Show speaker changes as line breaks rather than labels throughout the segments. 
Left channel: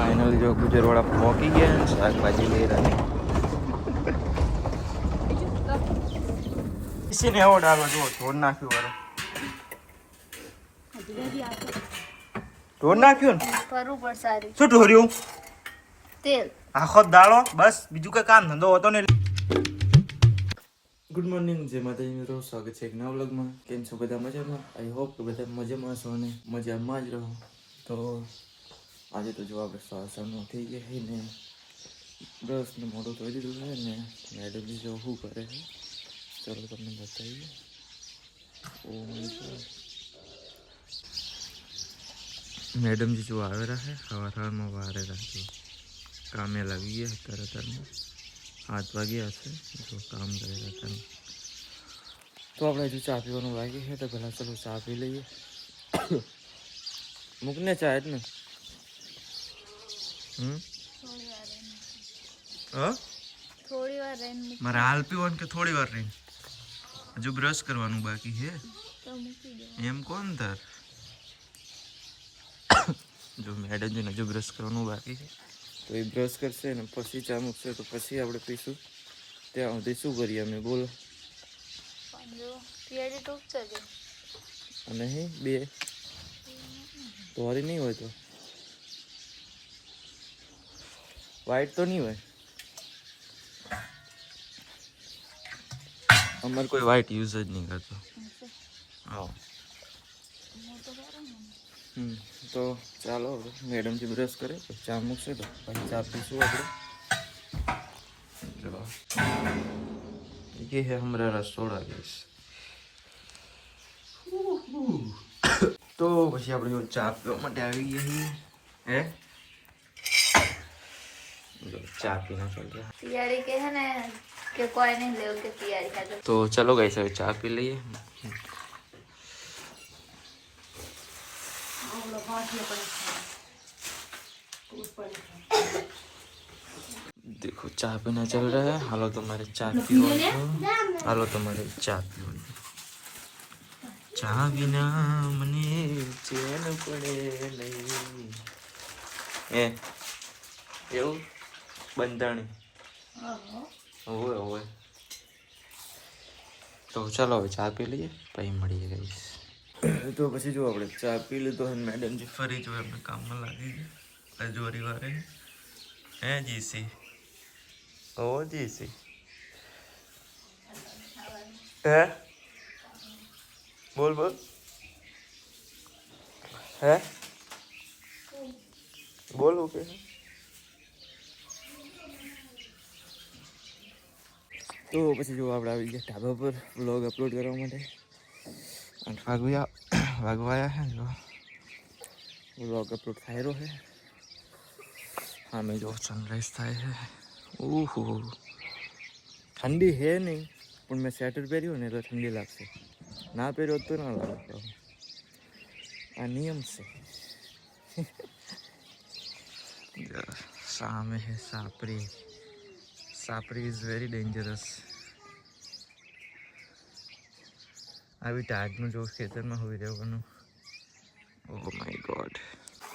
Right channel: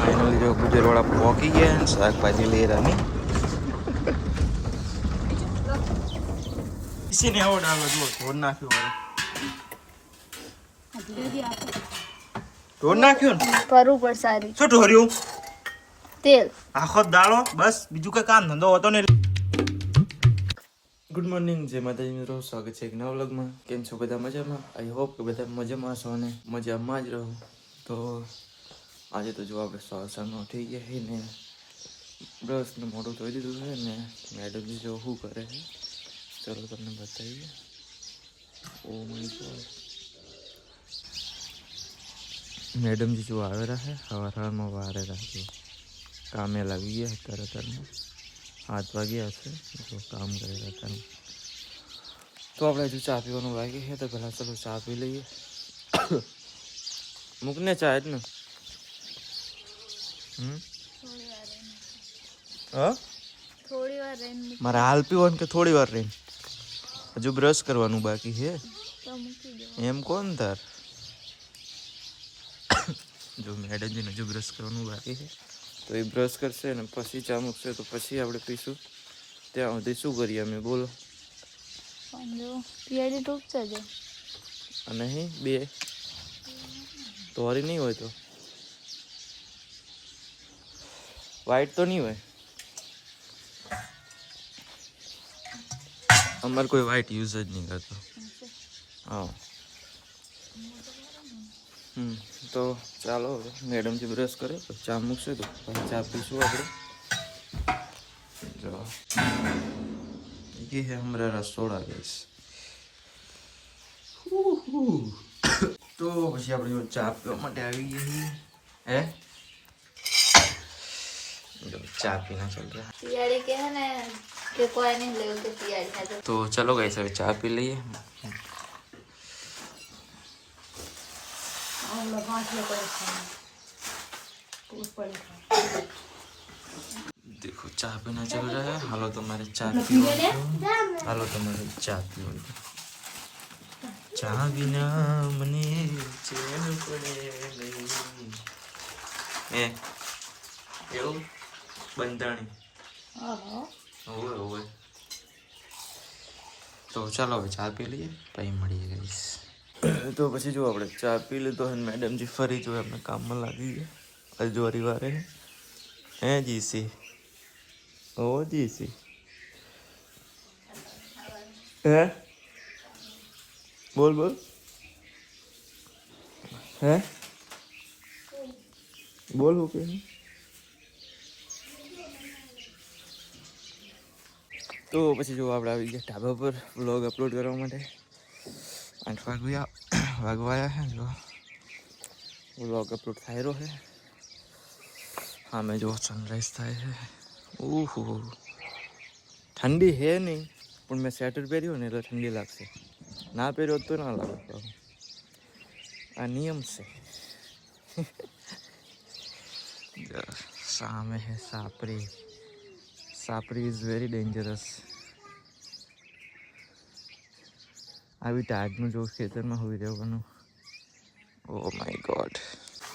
Finally જો ગુજરવાળા પહોંચી ગયા અને શાકભાજી લઈ રહ્યા ને. ને એવો ડાલો જુઓ ઢોર નાખ્યું વારે ઢોર નાખ્યું ને?
સારી.
શું ઢોર્યું?
તેલ.
આખો દાળો બસ બીજું કઈ કામ ધંધો હતો ને ગુડ મોર્નિંગ જય માતાજી મિત્રો. સ્વાગત છે એક નવા વ્લોગમાં. કેમ છો? બધા મજામાં? આઈ હોપ કે બધા મજામાં છો અને મજામાં જ રહો. તો આજે તો જો આપણે સવારનો થઈ ગયા છે ને બ્રશ ને મોઢું ધોઈ દીધું છે ને મેડમ જો શું કરે છે, ચલો તમને બતાવીએ. ઓ માય મેડમજી જો આવેલા છે સવાર સવારમાં વારે રાખજો કામે લાગી ગયા અત્યારે અત્યારમાં હાથ વાગ્યા હશે જો કામ કરેલા હતા તો આપણે હજુ ચા પીવાનું બાકી છે તો પહેલાં ચલો ચા પી લઈએ. મૂકને ચા જ ને હમ હા
થોડી વાર રહીને
મારે હાલ પીવાનું કે થોડી વાર રહીને? હજુ બ્રશ કરવાનું બાકી છે.
તો
એમ કોણ તાર? જો મેડમજીને હજુ બ્રશ કરવાનું બાકી છે. તો એ બ્રશ કરશે ને પછી ચા મૂકશે તો પછી આપણે પીશું. ત્યાં સુધી શું કરીએ અમે? બોલો. અને બે. તોરી નહીં હોય તો? વાઈટ તો નહીં હોય અમારે કોઈ વાઈટ યુઝ જ નહીં કરતો હા હમ તો ચાલો હવે મેડમથી બ્રશ કરે તો ચા મૂકશે તો પછી ચા પીશું આપણે જો ये है हमारा रसोड़ा गैस તો પછી આપણે જો ચા પીવા માટે આવી ગયા છીએ હે चाय
पीना चल रहा है। के है ना? कोई नहीं ले तो।,
तो। चलो गई सर चाय पी लिए। देखो चाय पीना चल रहा है। हालो तुम्हारे चाय पियो हालो तुम्हारे चाय पीओ चाह बिना मने जीवन पड़े ए यो બંધાણી. હોવે હોવે તો ચાલો હવે ચા પી લઈએ પછી મળીએ ગઈશ તો પછી જો આપણે ચા પી લીધો અને મેડમજી ફરી જો એમને કામમાં લાગી ગયા. હજુ વારે હે. જીસી ઓ જીસી હે? બોલ બોલ. હે? બોલ ઓકે તો પછી જો આપણે આવી ગયા ઢાબા પર વ્લોગ અપલોડ કરવા માટે આઠ વાગ્યા વાગવાયા છે જો વ્લોગ અપલોડ થાય રહ્યો છે સામે જો સનરાઈઝ થાય છે ઓહો ઠંડી છે નહીં પણ મેં સ્વેટર પહેર્યું ને એટલે ઠંડી લાગશે ના પહેર્યો હોત તો ના લાગે પાછું. આ નિયમ છે જો, સામે છે સાપરી સાપરી ઇઝ વેરી ડેન્જરસ આવી ટાઈટનું જો ખેતરમાં હોઈ રહેવાનું ઓ માય ગોડ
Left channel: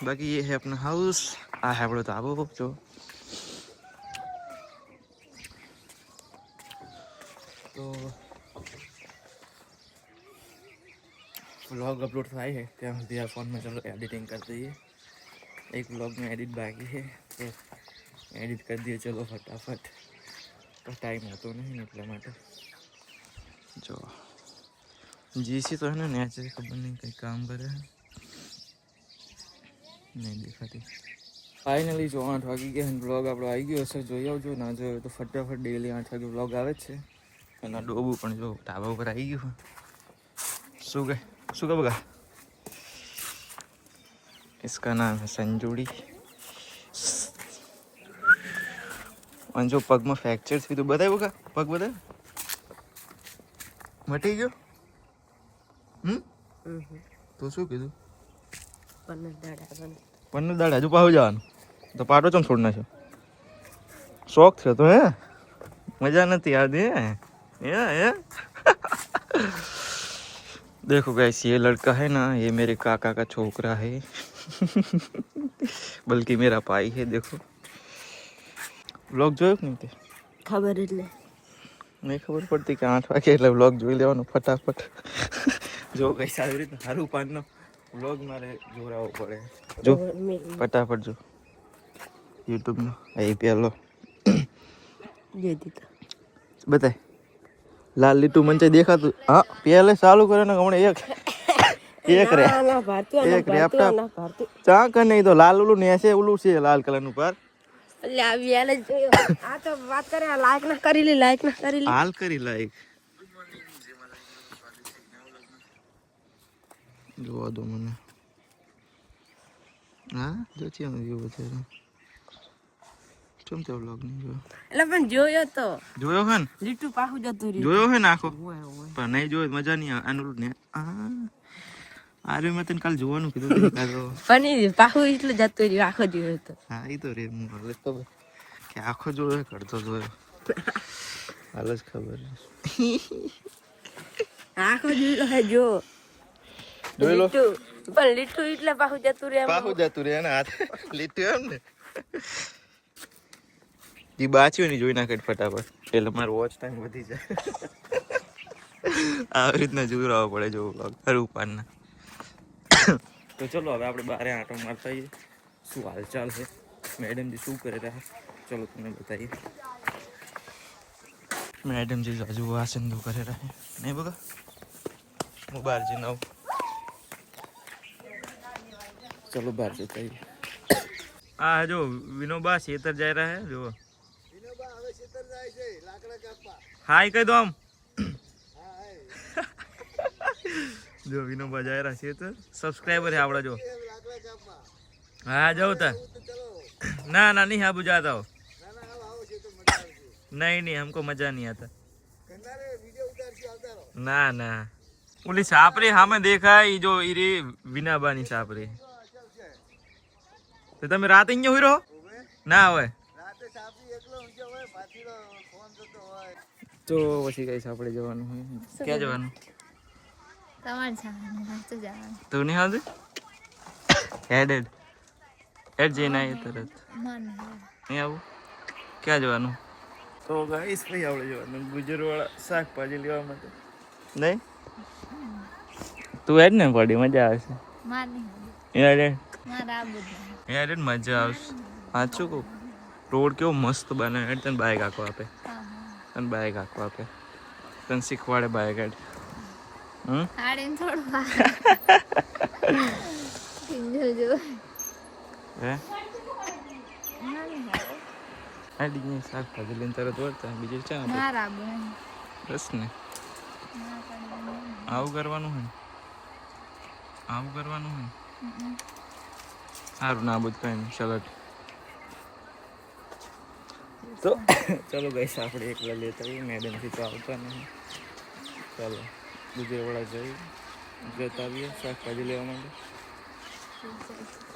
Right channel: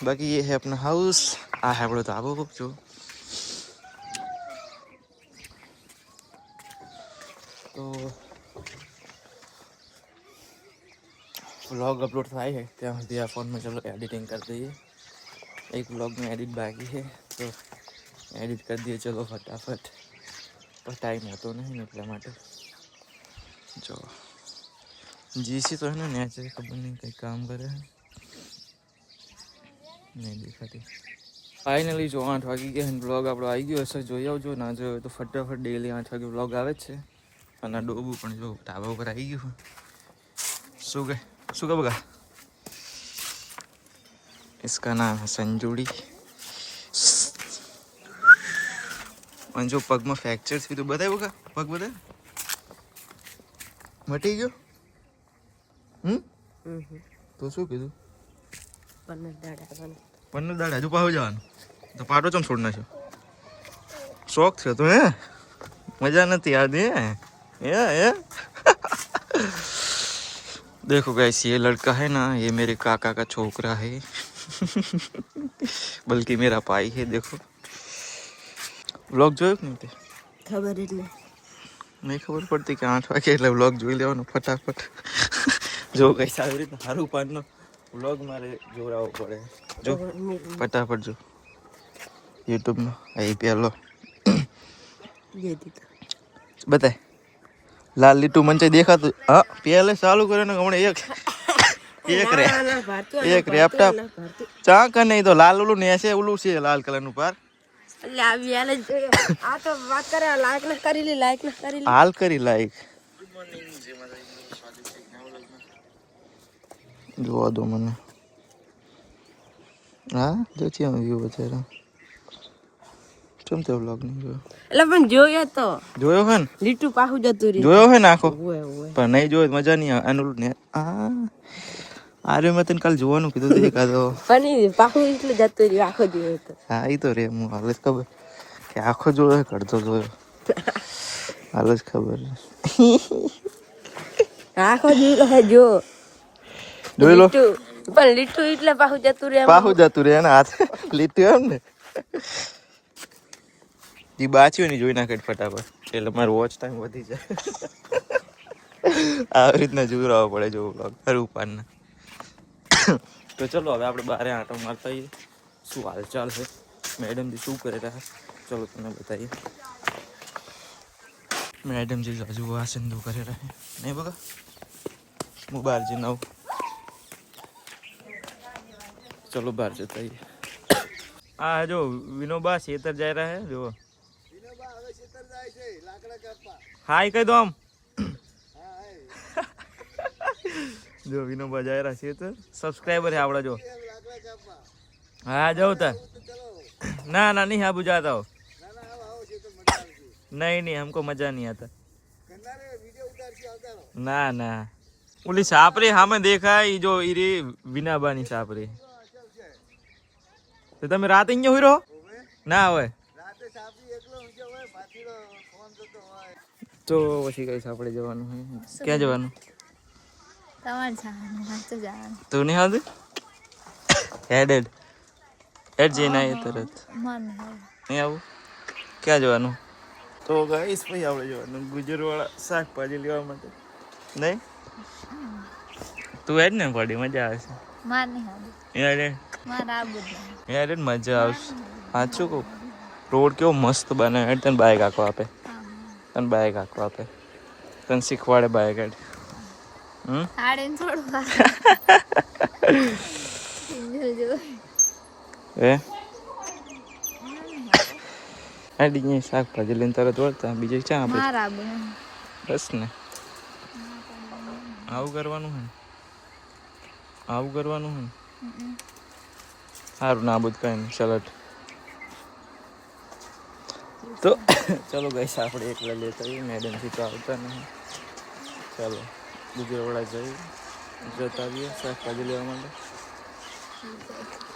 બાકી ये है अपना हाउस આ है આપણો ધાબો જો તો વ્લોગ અપલોડ થાય છે ત્યાં સુધી આ ફોનમાં ચલો એડિટિંગ કરી દઈએ એક વ્લોગનું એડિટ બાકી છે તો એડિટ કરી દઈએ ચલો ફટાફટ પણ ટાઈમ હોતો નહીં એટલા માટે જો જીસી તો હે ને નેચે ખબર નહીં કંઈ કામ કરે છે નહીં દેખાતી ફાઇનલી જો આઠ વાગી ગયા અને વ્લોગ આપણો આવી ગયો હશે જોઈ આવજો ના જોયો તો ફટાફટ ડેલી આઠ વાગે વ્લોગ આવે જ છે અને ડોબું પણ જો ઢાબા ઉપર આવી ગયું શું કે શું કે બગા इसका नाम है संजूड़ी और जो पग में फ्रैक्चर थी तो बताए होगा पग बताए मटे गयो हम्म तो सो के दू पन्ने दाड़ा जो पाव जान तो पाटो चम छोड़ना छो शौक थे तो है मज़ा ना तैयार दिए या या देखो गैस ये लड़का है ना ये मेरे काका का छोकरा है बल्कि मेरा पाई है देखो વ્લોગ જોયો કે નહીં તે?
ખબર એટલે.
નહીં ખબર પડતી કે આઠ વાગે એટલે વ્લોગ જોઈ લેવાનો ફટાફટ. જો કઈ સારી રીતે સારું પાનનો વ્લોગ મારે જોરાવો પડે. જો ફટાફટ જો. યુટ્યુબનો અહીં પહેલો બતાય લાલ લીટું મંચે દેખાતું. હા પહેલે ચાલુ કરે ને હમણાં એક. એક રે. એક રેપટા ચાક નહીં તો લાલ ઓલું ને છે ઓલું છે લાલ કલરનું પાર
આ તો વાત કરે લાયક ના કરી લી ના કરી લી.
હાલ કરી લાઈક જોવા દો મને. હા જો છે વ્યૂ બચારા. કેમ તે વ્લોગ નહીં જોયો?
એટલે પણ જોયો તો.
જોયો હે ને?
લીટું પાહું જતું રહ્યું.
જોયો હે ને આખો? પણ નહીં જોયો મજા નહીં આવે. આનું ને આ. આરે મેં તને કાલ જોવાનું કીધું તું એકાદો.
પણ પાખું એટલે જતું રહ્યો આખો દિવસ. તો
હા એ તો રે હું હાલ જ ખબર કે આખો જોયો કરતો જોયો. હાલ જ ખબર.
આખો દિવસ જો.
જોઈ લો.
પણ લીટુ એટલે પાહું જતું રહે
પાહુ જતું રહે ને હાથ. લીટુ એમ ને. જી બાચ્યું ને જોઈ નાખે ફટાફટ. એટલે મારો વોચ ટાઈમ વધી જાય. આવી રીતના જોઈ પડે જો vlog. ખરું પાનના तो चलो हम आप बारे आटो मरता ही शू हाल चाल है मैडम जी शू करे रहा चलो तुम्हें बताइए मैडम जी जाजू आ सिंधु करे रहा है नहीं बोगा बाहर जी ना चलो बार जाता आ जो विनोबा सेतर जा रहा है जो विनोबा अगर सेतर जाए जे लाकड़ा कप्पा हाय कह दो हम જો વિનો બજાય રાખીએ તો સબસ્ક્રાઈબર છે આપણા જો. હા જાઉં તાર ના ના, નહીં આબુ જાતા હો નહીં નહીં હમકો મજા નહીં આતા ના ના. ઓલી સાપરી સામે દેખાય જો એ રે વિનાબાની સાપરી. તો તમે રાતે અહીંયા હોય રહો? ના હોય. તો પછી કઈ સાપડે જવાનું ક્યાં જવાનું?
તમારે જવાનું મસ્ત જવાનું.
તું નહીં આવતું? હેડેડ. હેડ જઈને આવીએ તરત.
મન
નહીં આવું? ક્યાં જવાનું? તો ગાઈસ ભાઈ આપણે જવાનું ગુજરવાળા શાકભાજી લેવા માટે. નહીં? તું હેડ ને પડી મજા આવશે.
માર નહીં હવે
યાર હેડ. યાર મજા આવશે. સાચું કહું? રોડ કેવો મસ્ત બને. હેડ તને બાઇક આખો આપે. તને બાઇક આખો આપે. તને શીખવાડે બાઇક હેડ હમ
હાડીને થોડું કિંજલ જો
એ હેડી શાકભાજી લઈને તરત વળતા બીજે ક્યાં આપણે બસ ને. આવું કરવાનું હે ને? આવું કરવાનું હે ને?
હમ.
સારું ના બધું કઈ નહીં ચલો તો ચલો ગઈ આપણે એકલા લેતા આવીએ મેડમથી તો આવતા નહીં. ચાલો. ગુજરાતવાળા જઈ જતા આવીએ શાકભાજી લેવા માટે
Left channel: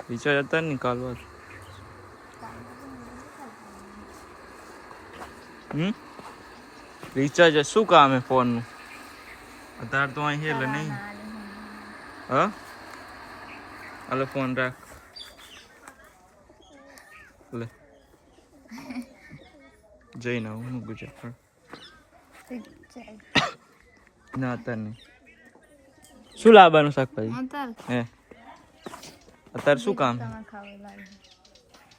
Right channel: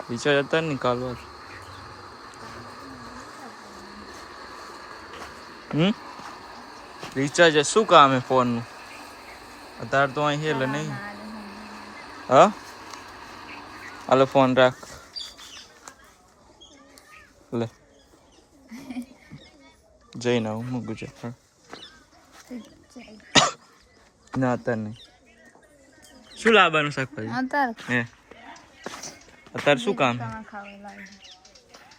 વિચાર હતા ને કાલ વાત હમ રિચાર્જ શું કામ હે ફોનનું અત્યારે તો અહીં છે એટલે નહીં
ના લે હું.
હા હાલો ફોન રાખ લે જઈને આવું હું ગુજરાત
ચાલ.
ના અત્યારે નહીં. શું લાવવાનું શાકભાજી? હે. અત્યારે શું કામ?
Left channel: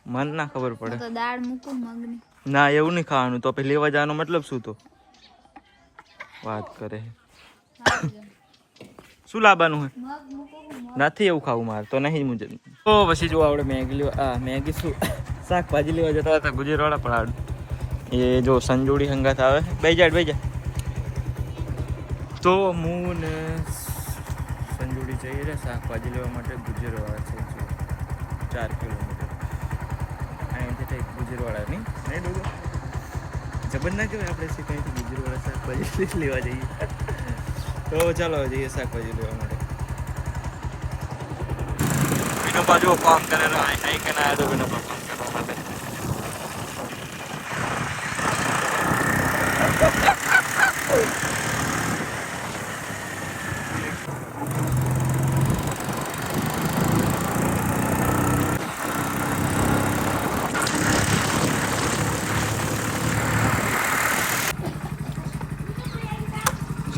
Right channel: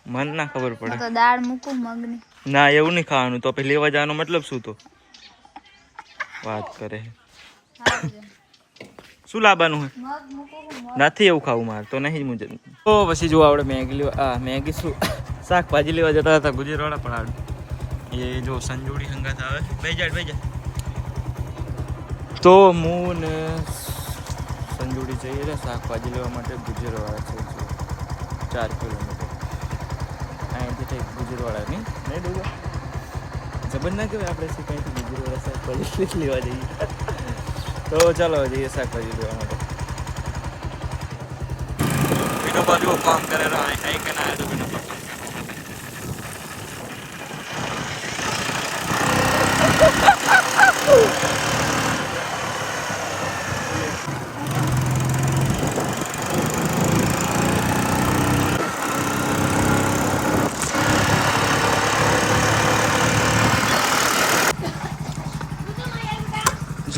મન ના ખબર પડે.
દાળ મૂકું મગની.
ના એવું નહીં ખાવાનું. તો પછી લેવા જવાનો મતલબ શું તો? વાત કરે. શું લાવવાનું હે? નથી એવું ખાવું મારે તો નહીં મુજબ. તો પછી જો આપણે મેગી લેવા આ મેગી શું? શાકભાજી લેવા જતા હતા ગુજરાતવાળા પણ આ એ જો સંજોડી સંગાત આવે. બે જાડ બે જા તો હું ને સંજોડી જઈએ રહ્યા શાકભાજી લેવા માટે ગુજરવાળા છે ચાર કિલોમીટર. અહીંયાથી કંઈક ગુજરાતવાળા નહીં ડોગા જબર ના કહેવાય આપણે શું કંઈથી ગુજરવાળા શાકભાજી લેવા જઈએ. તો ચાલો જઈએ શાકભાજી લેવા માટે. વિનો બાજુ કામ કરે કઈ કે ના તો વિનો કામ કરવા માટે.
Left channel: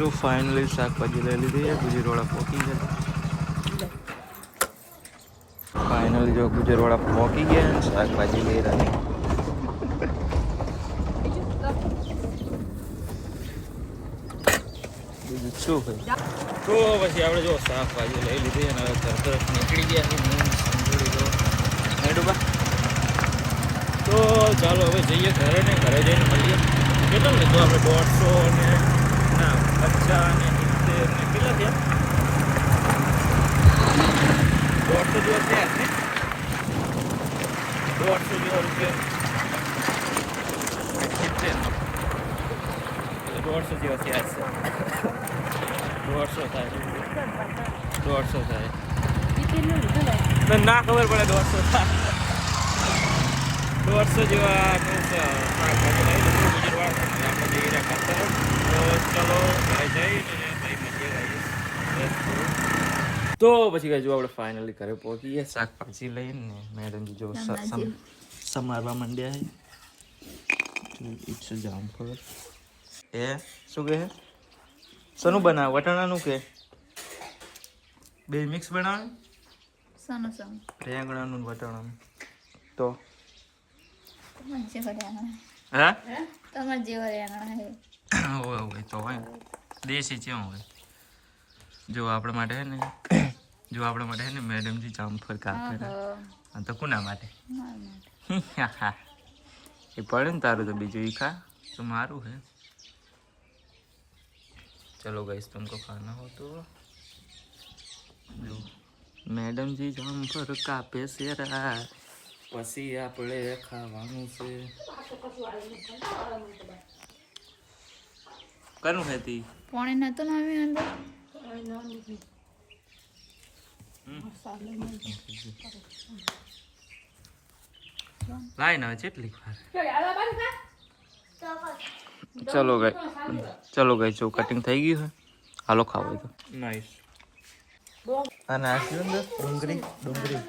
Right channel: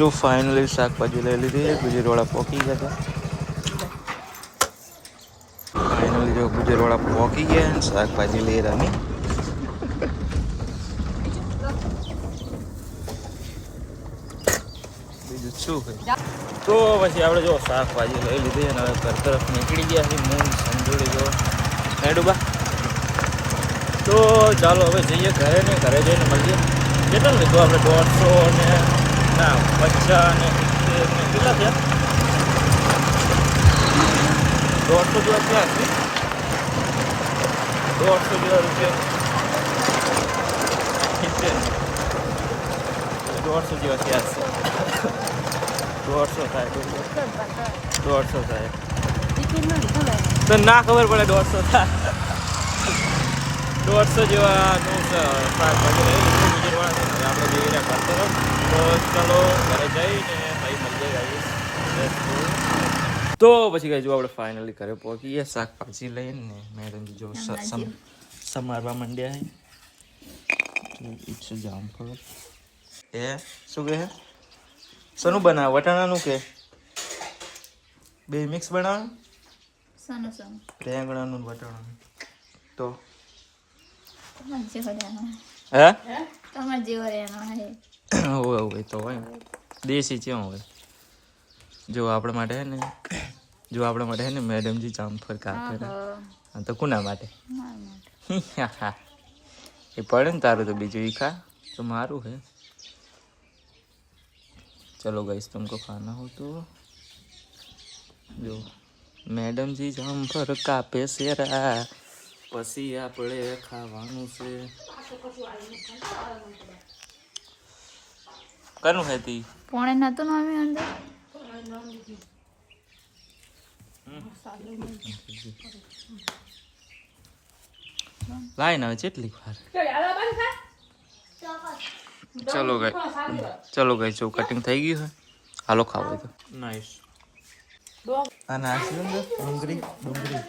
જો ફાઇનલી શાકભાજી લઈ લીધી ગુજરવાળા પોકી ગયા હતા. ફાઇનલી જો ગુજરવાળા પોકી ગયા અને શાકભાજી લઈ રહ્યા બીજું શું હોય તો પછી આપણે જો શાકભાજી લઈ લીધી અને હવે ઘર તરફ નીકળી ગયા છે મૂળ સંજોડી ગયો હેડુબા તો ચાલો હવે જઈએ ઘરે ને ઘરે જઈને મળીએ. કેટલું લીધું આપણે દોઢસો ને ના પચાસ ને સિત્તેર કેટલા થયા દોઢસો જેવા દોઢસો જેવા રૂપિયા. દોઢસો જેવા થયા છે દોઢસો થાય દોઢસો થાય ના ખબર પડે દોઢસો થાય દોઢસો જેવા. આપણે જઈ રહ્યા કરતો તરફ તો ચલો ઘરે જઈને ભાઈ મળીએ guys. તો પછી કઈ જો આપણે ફાઇનલી ઘરે પહોંચીએ શાકભાજી લઈને મેડમજી જો સમારવા માંડ્યા ઇટ્સ જામફળ એ શું કહે? શનું બનાવે વટાણાનું કે? બે મિક્સ બનાવે? રેંગણાનું વટાણાનું. તો? હે?
તમારે જેવો રેંગણા હે
હોય હોય તો હોય ને. દેશી ક્યાં હોય જો આપણા માટે હે ને જો આપણા માટે હે ને મેડમજી જામફળ કાપે ને
આહો,
હા તો કોના માટે
મારા માટે
એ પડે ને તારું તો બીજું ઈ ખા તો મારું है चलो गाइस तुमको खाना हो तो જો મેડમ જી જામફળ કાપે શેરા પછી આપણે ખાવાનું છે કનું હતી
પોણે નતું ને અમે અંદર
લાઈ ના જેટલી વાર. ચલો ગઈ ચલો ગઈ જો કટિંગ થઈ ગયું છે. હાલો ખાવ હોય તો. નાઈસ આ શું ડુંગળી ડુંગળી.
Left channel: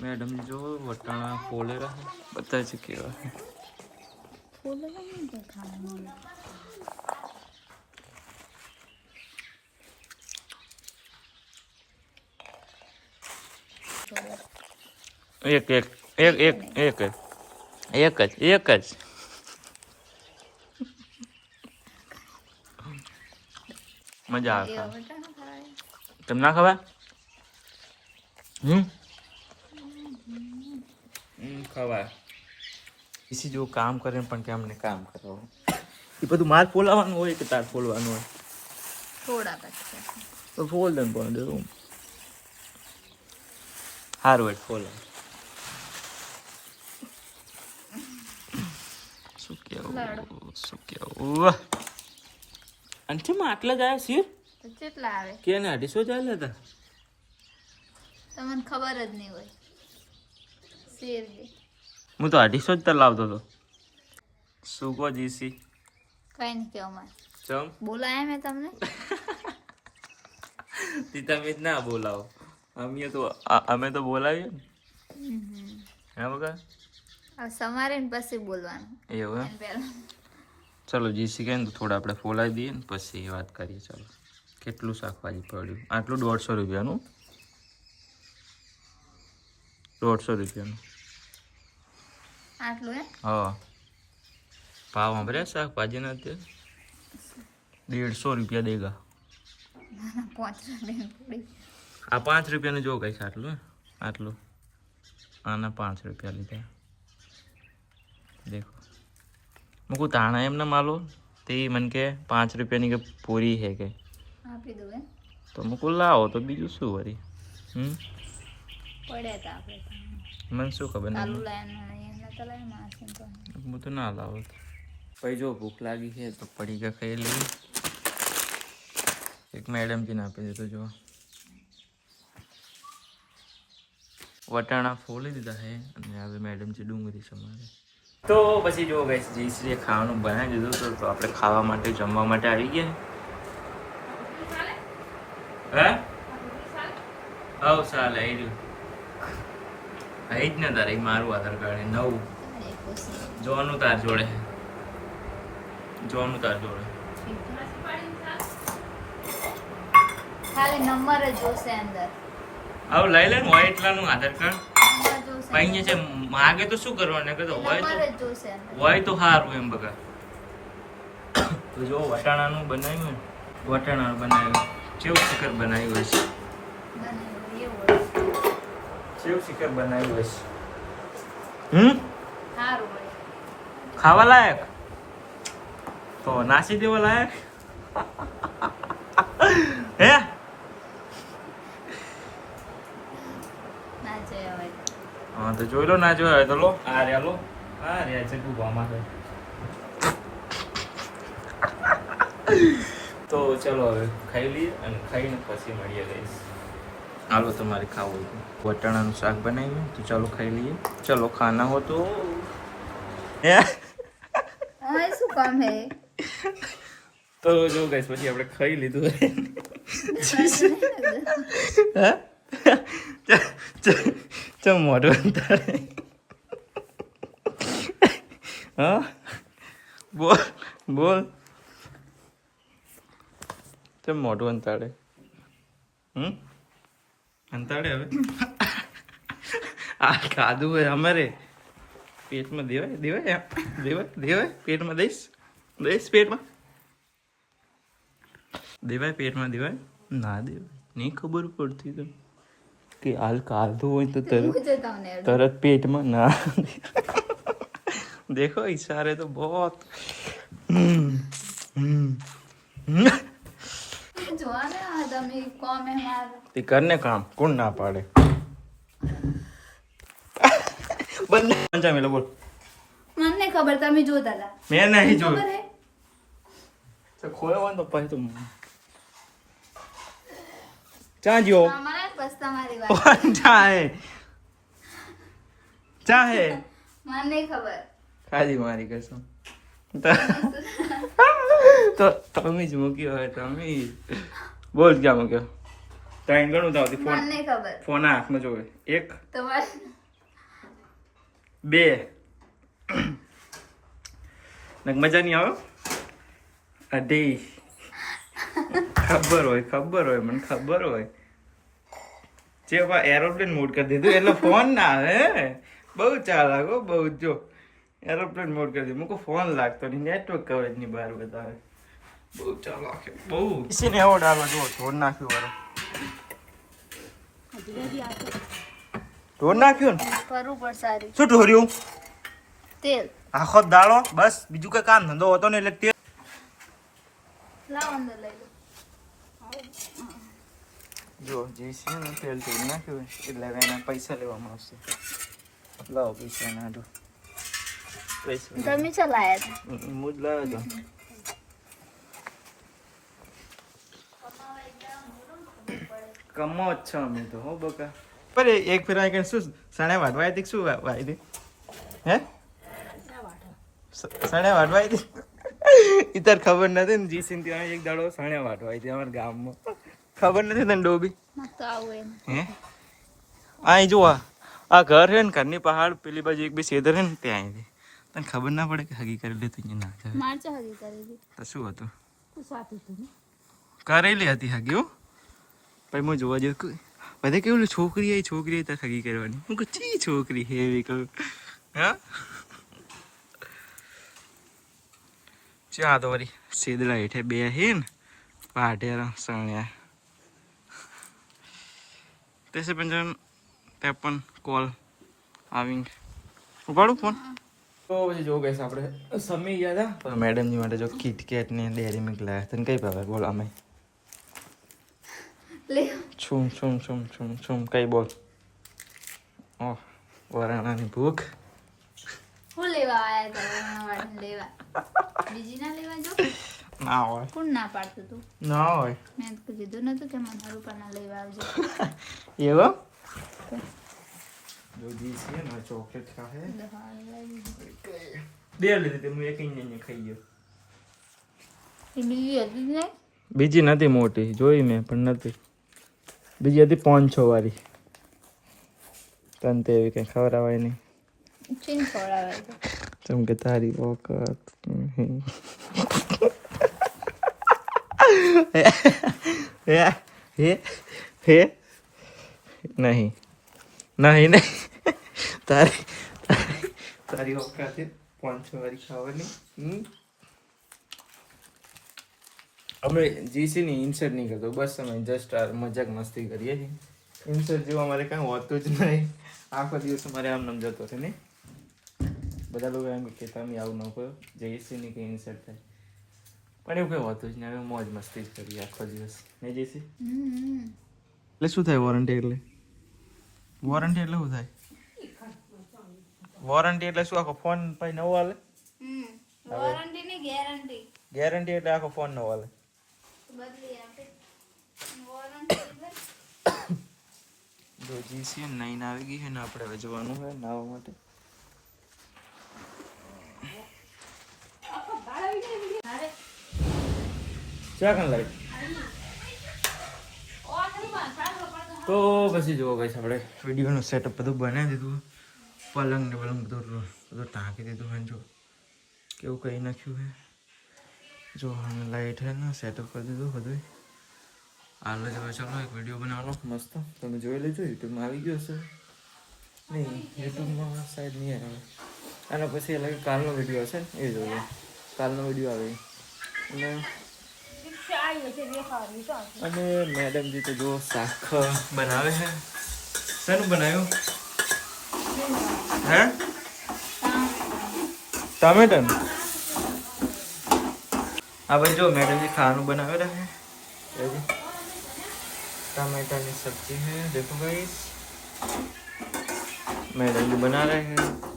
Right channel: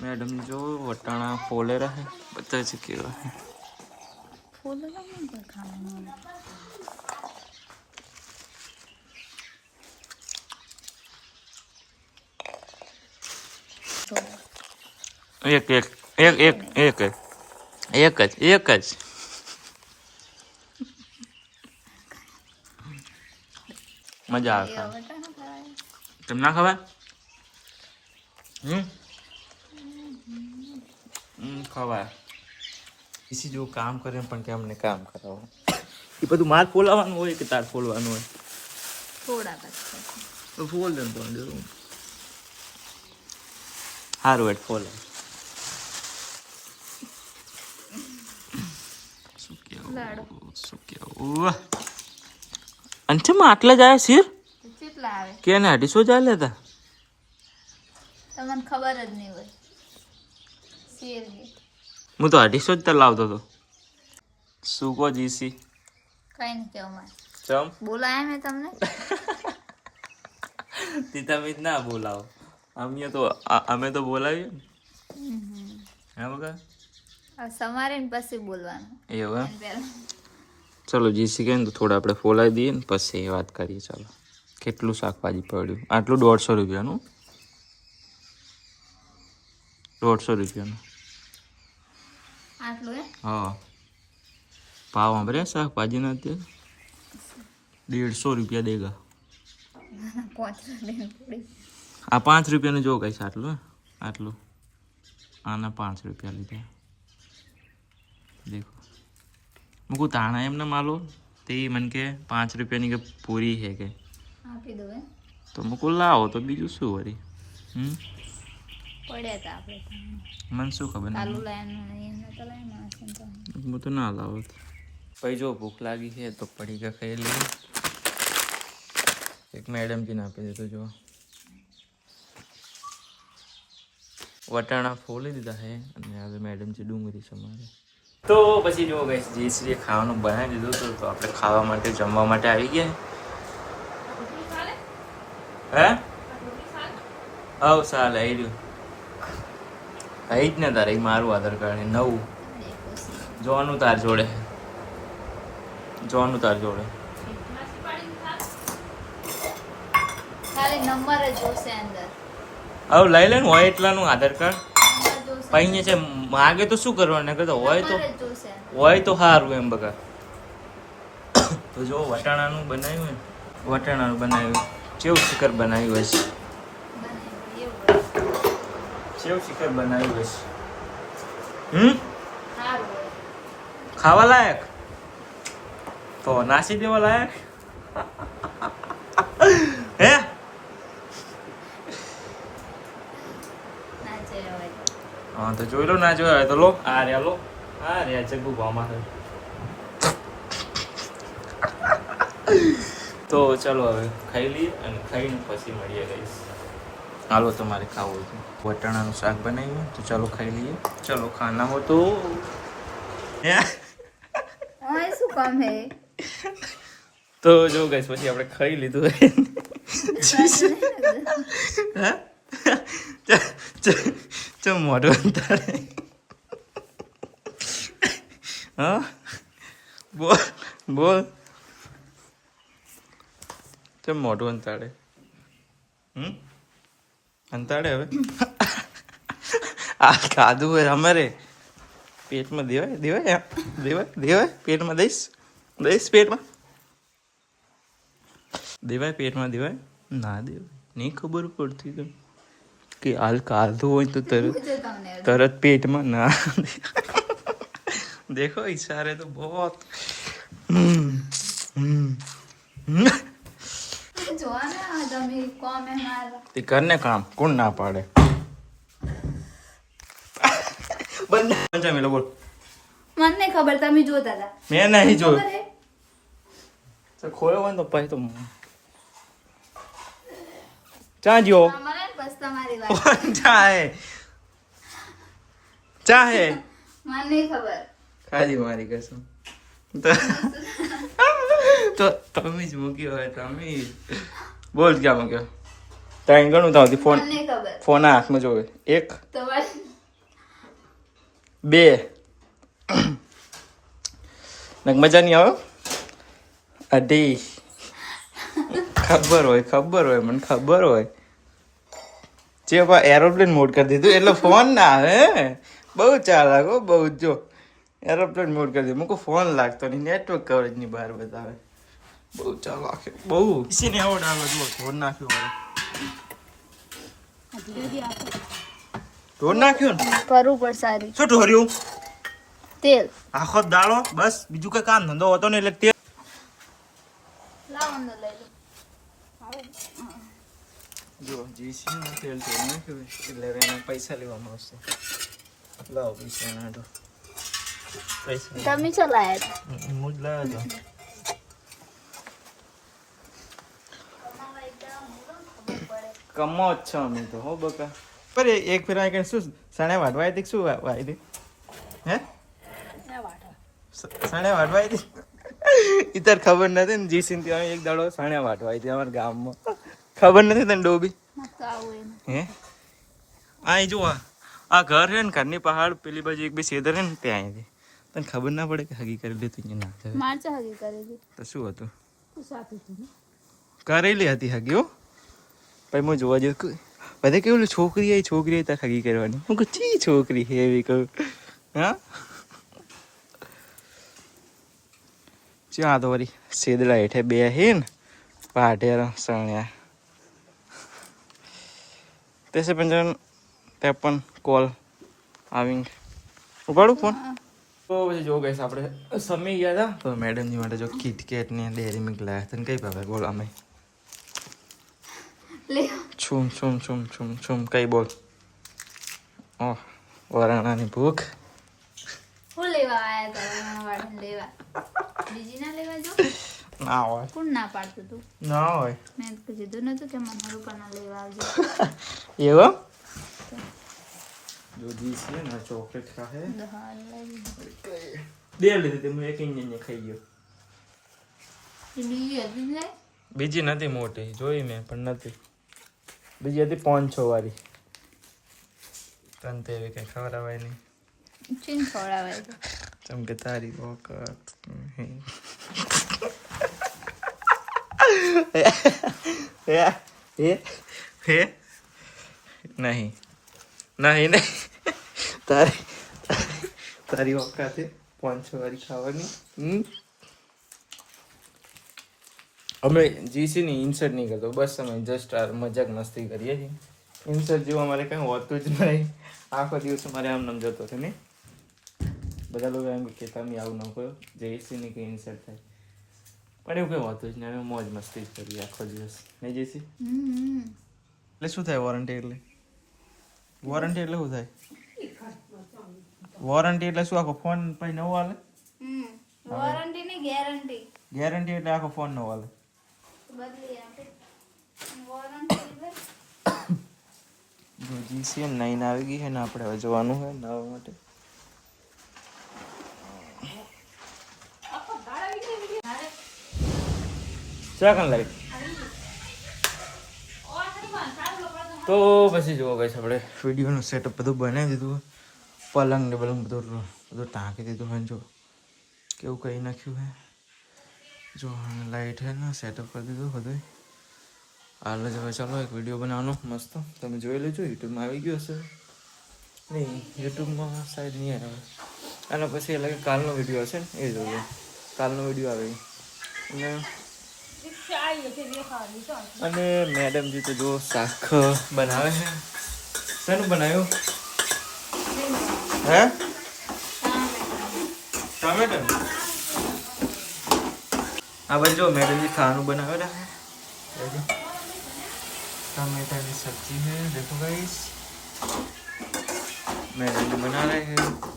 મેડમ જો વટાણા ફોલે રહે. બધા જ કેવા. ફોલે
ફૂલ નહીં ખાવાનું?
इसी जो काम करे रहे काम कर
तू मार
फोलावन तार फोलवान हो? थोड़ा સારું એટ બોલો. શું કેવું? શું કેવું? અને ચમ આટલા જાય સિર
કેટલા આવે?
કે ને અઢીસો જાય લેતા
તમને ખબર જ નહીં હોય. શેર
હું તો અઢીસો જ લાવતો હતો. શું કહો જીસી?
કઈ નહીં કેવું મારે.
ચમ.
બોલાયા મેં તમને?
તી તમે જ ના બોલાવો. અમે તો અ- અમે તો બોલાવીએ ને
હમ.
હે બગા
હવે સમારે ને પછી બોલવાનું
એવું એમ
પહેલા
ચલો જીસી કહે ને તો થોડા આપણે ફોલાવી દઈએ ને પછી વાત કરીએ ચાલો કેટલું શાકભાજી પડ્યું આટલું દોઢસો રૂપિયાનું દોઢસો રૂપિયાનું
આટલું એમ
હા ભાવ સાંભળ્યા શાકભાજીના અત્યારે દેડસો રૂપિયા દેગા
પાંચ રૂપિયાની પૂરી
આ પાંચ રૂપિયાનું જો કઈ છે આટલું આટલું. આના પાંચ રૂપિયા લીધા. દેખો. મૂકું તાણા એમને માલો? તે મને કે પાંચ રૂપિયાની કે પૂરી હે કે.
આપી
તો મૂકું લાવો તો બીજું શું વરી હમ?
પડ્યા આપણે
મને શું ખબર હું તો ના લાવો. ભાઈ જો ભૂખ લાગી છે તો પડી ગયા ખાઈ લઈએ. એક મેડમજીને આપી દીધું જો. વટાણા ફોલી દીધા છે અને હવે છે ડુંગળી સમારે તો પછી જો ગઈ જીસરીએ ખાવાનું બનાવી દીધું હતું તો આપણે ખાવા માટે જમવા માટે આવી ગયા હે? હવ ચાલે આવી રહ્યું. આવી જ ને તારે મારું આધાર કાર્ડ નવું. જોવાનું તાર જોડે. જોવાનું તાર જોડે.
ખાલી નંબર જ જોશે અંદર.
હવે લઈ લે ને હોય એટલાનું આધાર કાર્ડ. અહીંયા છે માગે તો શું કરવાનું? નકર તો હોય તો હોય તો સારું એમ બગા તો જો વટાણાનું બનાવ્યું ને વટાણાનું બનાવ્યું. ચેવ શિખર બનાવ્યું હશે? ચેવ શિખર બનાવ્યું હશે? હમ? ખાવા લાયક? તો નાસી દેવા લાયક હે
ના જે હોય
હા તો જોઈ લો ના જોયા હોય તો લો. આ રહ્યા લો. આ રહ્યા છે ગુભામાં છે તો ચાલો હવે ખાઈ લઈએ અને ખાઈને પછી મળીએ ગઈશ હાલો તમારે ખાવું હતું. વટાણાનું શાક બનાવ્યું. તો ચાલો ખાઈ લઈએ. ચલો ખાના હો તો.
શું કામ હે?
તો જો ગઈશ પછી આપણે ખાઈ લીધું. હા? ચ- ચ- ચમ મોઢું તારે હા બોલ બોલ ચમ મોઢું અંતાડે હમ અંતાડે હવે આ ખાધું હોય અમારે પેટમાં દેવાય દેવાય? દેવાય દેવાય પેટમાં દઈશ દઈશ પેટમાં દેવાય પેટમાં દેવાય ના દેવાય નહીં ખબર પડતી કે હાલ કાઢવું હોય તો તરત તરત પેટમાં ના
દેખો ઇશારે તો બહોત.
તે કરને કામ કોણ ના પાડે? બંને મેલો બોલ.
મને ખબર તમે જોતા હતા
મેં નહીં જોયું. તો ખોયો હોય તો પછી તો ચા જો
મને બસ તમારી વાત
ચાહે. ચાહે.
મને ખબર.
ખાલી મારી કસમ. તો- તમે જ મૂક્યો હોય તમે બોલ ક્યાં મૂક્યો? ત્યાં ગણું ત્યાં ફોન ફોન હાથમાં જોવે. એક બે. મજા નહીં આવે? અઢી. ખબર હોય ખબર હોય મને ખબર હોય. જે એરોપ્લેન મોડ કરી દીધું એટલે ફોન ના આવે હે. બહુ ચાલાક હો બહુ જો. એરોપ્લેન મોડ કરી દીધું. મૂકું ફોન લાગતો નહીં નેટવર્ક કવરેજની બહાર બતાવે બહુ ચાલાક બહુ. ઇસીને એવો ડાલો જો ઢોર નાખ્યો વારે ઢોર નાખ્યું ને?
કરવું પડશે સારી.
શું ઢોર્યું?
તેલ.
આખો દાળો બસ. બીજું કઈ કામ ધંધો હતો ને એટલે તેલ.
લાવ અંદર લઈ લો.
જો જે છે ને તેલ તેલ નાખ્યું એટલે હવે એના પૈસા લેવામાં આવશે લાવો પૈસા એના હાટુ. પૈસા
તમે ચલાયા હતા?
હું જ લાવ્યો હતો. કમો જ છો અમે તો હો બકા. પર એક ફેર આઈ શું સણે વાટવા હતી શું વાઈ હતી? હે? સણે વાટવા હતી? ઈ ખબર નથી ને જી સિંહ ત્યાં એક દાડો સણે વાટવા હતી અમારા ગામમાં. ખબર નથી તને ડોબી? હે આ જો આ ઘર છે ને ઘરની પહાડ પેલી બાજુ એક બે સેદર છે ને ત્યાં આવી તને ખબર ના પડે કે હગી કરેલી તો અહીંયા ના જાય
માર હગી કરી
તો શું હતું? કરેલી હતી હગી હો. પછી હું જોવા જઉં બધે કેવું છોકરી આવી છોકરી આવી તાર હગી કરવાની. હું કહું ચી છોકરી છે એવી કહું. હા? ચા તો વળી સેદડા હેઠે બે હે ને પાઢેર સણ્યા તેસે પંચાવન ત્રેપન કોલ આવિંગ ઉપાડું ફોન તો પછી જો ગઈશ આપણે સમી ગયા હતા મેડમજી માટે જો કિટકેટ ને ડેરી મિલ્ક લાવ્યા તને કઈ ભાવે બોલ અમે
લે
છુમ છુમ છુમ છુમ છુમ કઈ બોલ ઓહ વરાણાની ભૂખ
હું લેવા આવ્યા હતા લેવા બીજી ના લેવા જો
ના હોય.
કોણ ના પાડતું તું?
ના હોય.
મેં તો કીધું નતું કે મને રૂપા પણ લેવા આવજો.
એવો? જો દી છે ને ચોકલેટ ખાહે. બે લીધી હું એક ઇન્જિન ખાઈ ગયો.
બીજી હતી ને?
બીજી નથી મોટી જોઈ મેં પણ નથી બીજી હતી પાંચ છ વાળી. તને તો એવી કઈ ખવડાવાય નહીં.
ચીન ખવડાવાય તો
જેમ કે તારી નહીં. હે? નહીં. નહીં નહીં. તારી તારી વખતે પાંચસો વાળી ખાવાની. અમે જીસી ની ઇન્સર્ટ નહીં કરતો. બસ અમે જસ્ટ આ મજાક મસ્તી કરીએ છીએ. ઇન્સર્ટ જેવું અમારે કાંઈ હોતું જ નહીં. આખો દિવસ અમારે આમ નામ જતો હતો ને. બધા લોકો એમ કે, તમે આવું ન કરો. જેસી ની કંઈ ઇન્સર્ટ થાય પણ એવું કંઈ હોતું જ નહીં અમે મોજ મસ્તી જ કરીએ આખો દિવસ નહીં જેસી
હમ
એટલે શું થાય વોરંટી એટલે વોરંટી એટલે શું થાય વોરંટી એટલે શું આખો ફોન પછી નવો હાલે
વોરંટી ની ગેરંટી
ગેરંટી એટલે આખો ફોન નવો હાલે
બદલી આપે નાઇન
જો જીસીએમ નાઈન આવી ગઈ છે ને આપણે હવે જવાનું હોય નાવા માટે કાન લાવી તો પછી જુઓ ગઈ આપણે વિડીયોનું સેટઅપ બધું બનાવી દીધું. પલંગ ને બલંગ બધું બધું ટાંકી દીધું. હોય જો કેવું કહી નાખ્યું હે? જો લાઈટ હે ને સેટઅપ કરી દીધું બધું હાલ જ હવે ચાલો એક વીડિયો બનાવવાનો. મસ્ત. તમે જોઈ લેજો યુટ્યુબમાં આવી ગયો હશે. નહીં યુટ્યુબમાં સાઈડ નહીં આવે. અને પછી એટલે કાલનો વીડિયો હશે ને એ જોજો. કાલનો વીડિયો આવે. અને અને મેડમજી તો જો શાક બનાવે છે. શેનું બનાવ્યું? હે? ટામેટન આ બધું જો મેડમજી ખાવાનું બનાવેલા છે. ટામેટાની સબ્જી હે દેખો ગાઈસ મેડમજી બના રહે છે.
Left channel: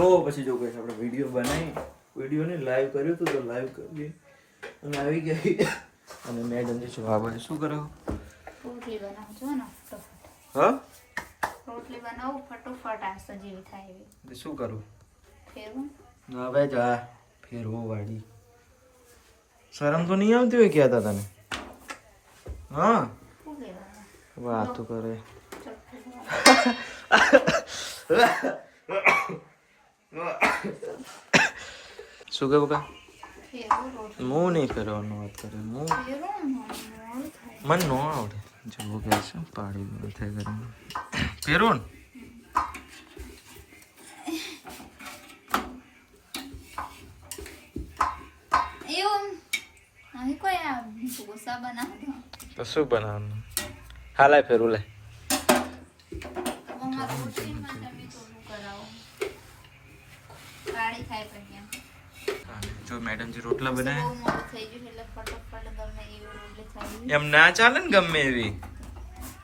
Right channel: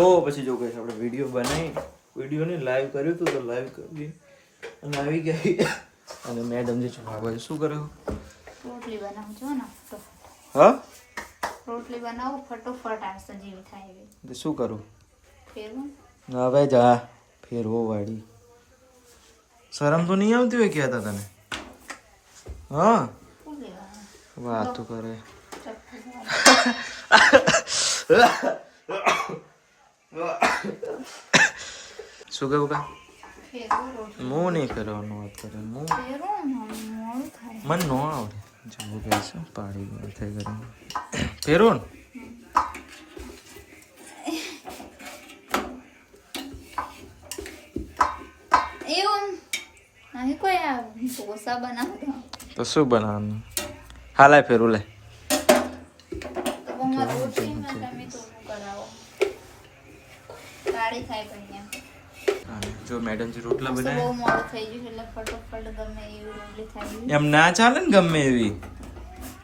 તો પછી જો કહીશ આપણે વીડિયો બનાવી વિડીયોને લાઈવ કર્યું હતું તો લાઈવ કરી અને આવી ગઈ. અને મેડમજી છો આ બાજુ શું કરો?
રોટલી બનાવું છો ને
હા?
રોટલી બનાવું ફટોફટ આ સજીવ થાય એવી.
શું કરું?
ફેરવું?
હવે જા. ફેરવો વાળી શરમ તો નહીં આવતી હોય કહેતા તને? હા? વાત તો કરે. શું કેવું કા હું નહીં ફેરવાનું વાત કરે હું મને ન આવડે. જવું કે છે પાડી ગયો થઈ કરીને ફેરવો ને? તો શું બનાવવાનું? હાલાય ફેરવું લે
તો અમારે રોટલીમાં તમે તો શું કરાવો પણ એમ.
હા, જો મેડમજી રોટલા બનાવે
મોડું થઈ ગયું એટલે ફટોફટ ગમે એવી રોટલી થાય
એમ ના ચાલે ને ગમે એવી?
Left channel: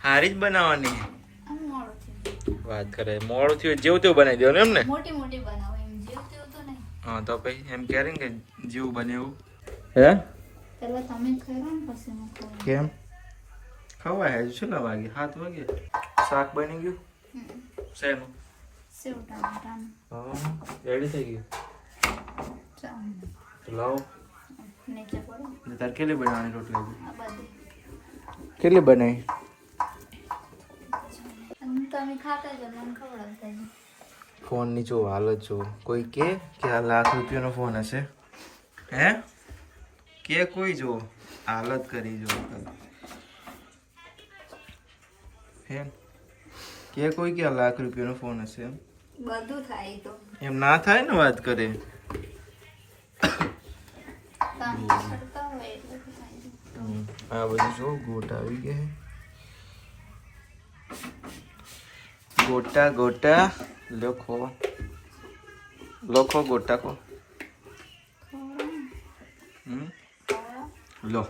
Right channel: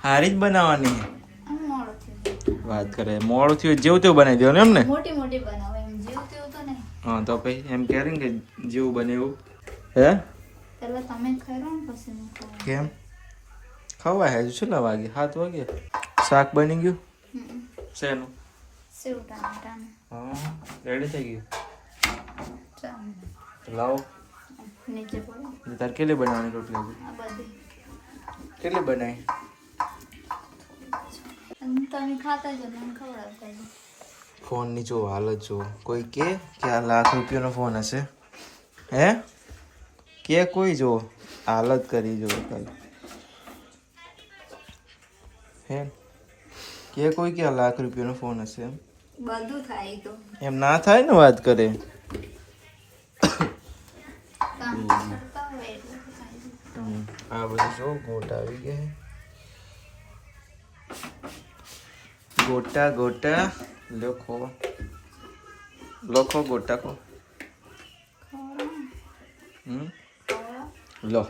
હારી જ બનાવવાની. વાત કરે મોડું થયું જેવું તેવું બનાવી દેવાનું એમ ને?
મોટી મોટી બનાવો એમ જેવું તેવું તો નહીં.
હા તો પછી એમ કહે ને કે જેવું બને એવું. હે?
પહેલા તમે ખરો ને પછી હું ખાઉં
કેમ? ખવાય હજુ છેલ્લા વાગે સાત વાગે? શાક બની ગયું. શેનું?
સેવ ટામેટાનું
હા રેડી થઈ ગયું લાવો.
નીચે પડો.
તાર કેટલી બનાવવાની રોટલી? કેટલી બનાવી?
તમે ખાતા જ મને જ
ફોનની જો હાલત જો. કોઈ કે કે આ લાખ રૂપિયાનો ફોન હશે? હે? કે કોઈ જો હાલત કરી જો હે? કે કોઈ કે લાખ રૂપિયાનો ફોન હશે એમ?
બધું થાય તો.
એમ ના થાય ને વાત કરે? આ બધું જો ગોટા આવી ગયા ગોટા ગોટા લખો. લખો ગોટા કો.
લો.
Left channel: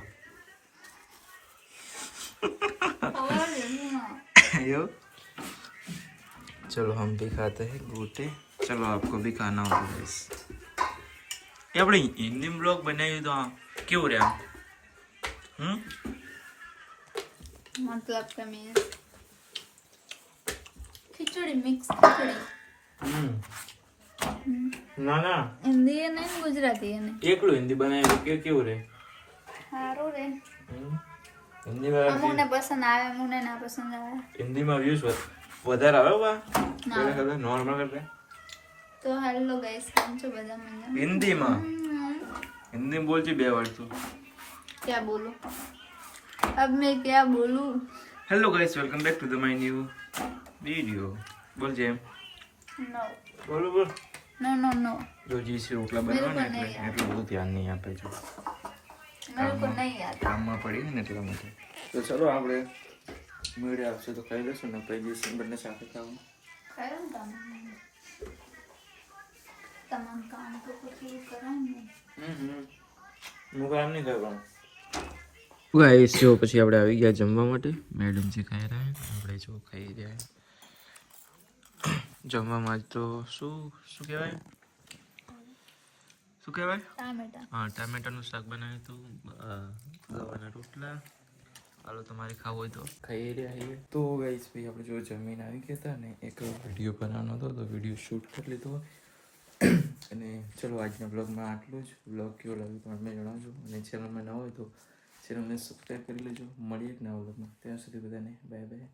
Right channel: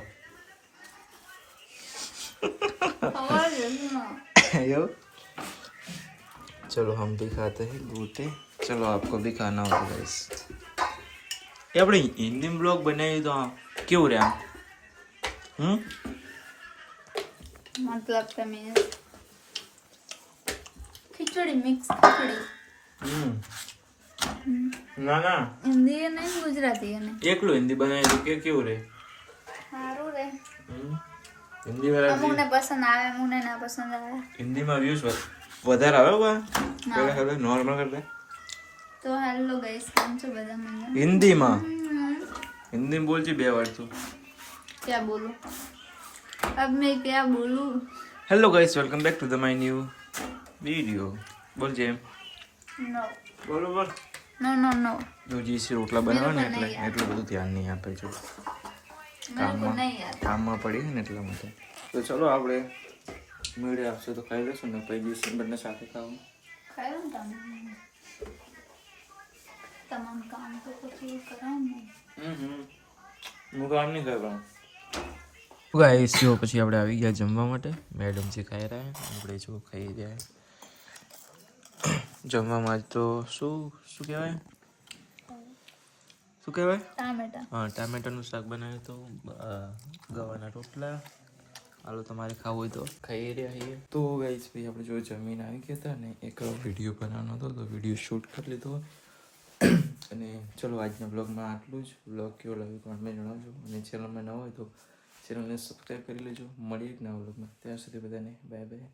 ને.
चलो हम भी खाते हैं गोटे चलो आपको भी खाना होगा गाइस ये આપણે હિન્દી બ્લોગ બનાવી તો આ કેવું રે આમ હમ
મતલબ તમે ખીચડી મિક્સ ખીચડી
હમ. ના ના
હિન્દી અને ગુજરાતી અને
એકલું હિન્દી બનાવી તો કે કેવું રે
સારું રે
હમ. હિન્દી
અમુકને પસંદ આવે અમુકને ના પસંદ આવે
હિન્દીમાં વ્યૂઝ વધારે આવ્યો બા નોર્મલ એટલે
તો હેલો ગાઈસ કેમ છો બધા મને
હિન્દીમાં હિન્દીમાં બોલજે બે વાર તો
ક્યાં બોલું અબ મેં ક્યાં બોલું
hello guys welcome back to the my new video બોલજે
નો
બોલો બોલ
નો નો નો
જો જીસી ઓટલા બનાવે ને એટલે એટલું બધું ધ્યાન નહીં આપે છે કામમાં પડી ને એટલા માટે તો ચલો આપણે મેળે આવશે તો ખાઈ લેશું ને પછી દિવસ બંને સાથે ખાવું
खायो ને તમે તમામ કામ તો પછી
હું કામ નહીં કરવાનું ગાઈસ જો પછી આપણે આવી ગયા જમવા માટે મેડમ જે ખાઈ રહ્યા આપણે જો ખાઈ રહ્યા જમવામાં તો શું શું કહેવાય શું કહેવાય
ટામેટા
હા ટામેટાનું શાક બનાવ્યું તો ગવાના રોટલા હાલો, તમારે ખાવું હોય તો. ખાઈ રહ્યા છીએ તો ગાઈસ ભાઈ, આપણે જો જમીન આવી ગયા હતા ને, એક વીડિયો બનાવવાનો હતો, તો વીડિયો શૂટ કરી લીધો. અને ચલો, આજના બ્લોગમાં આટલું જ. બ્લોગ કેવો લાગ્યો તો મને જણાવજો. અને ચેનલમાં ન હોય તો ચેનલને સબસ્ક્રાઈબ કરી લેજો. મળીએ એક નવા બ્લોગમાં ત્યાં સુધી બધાને બાય બાય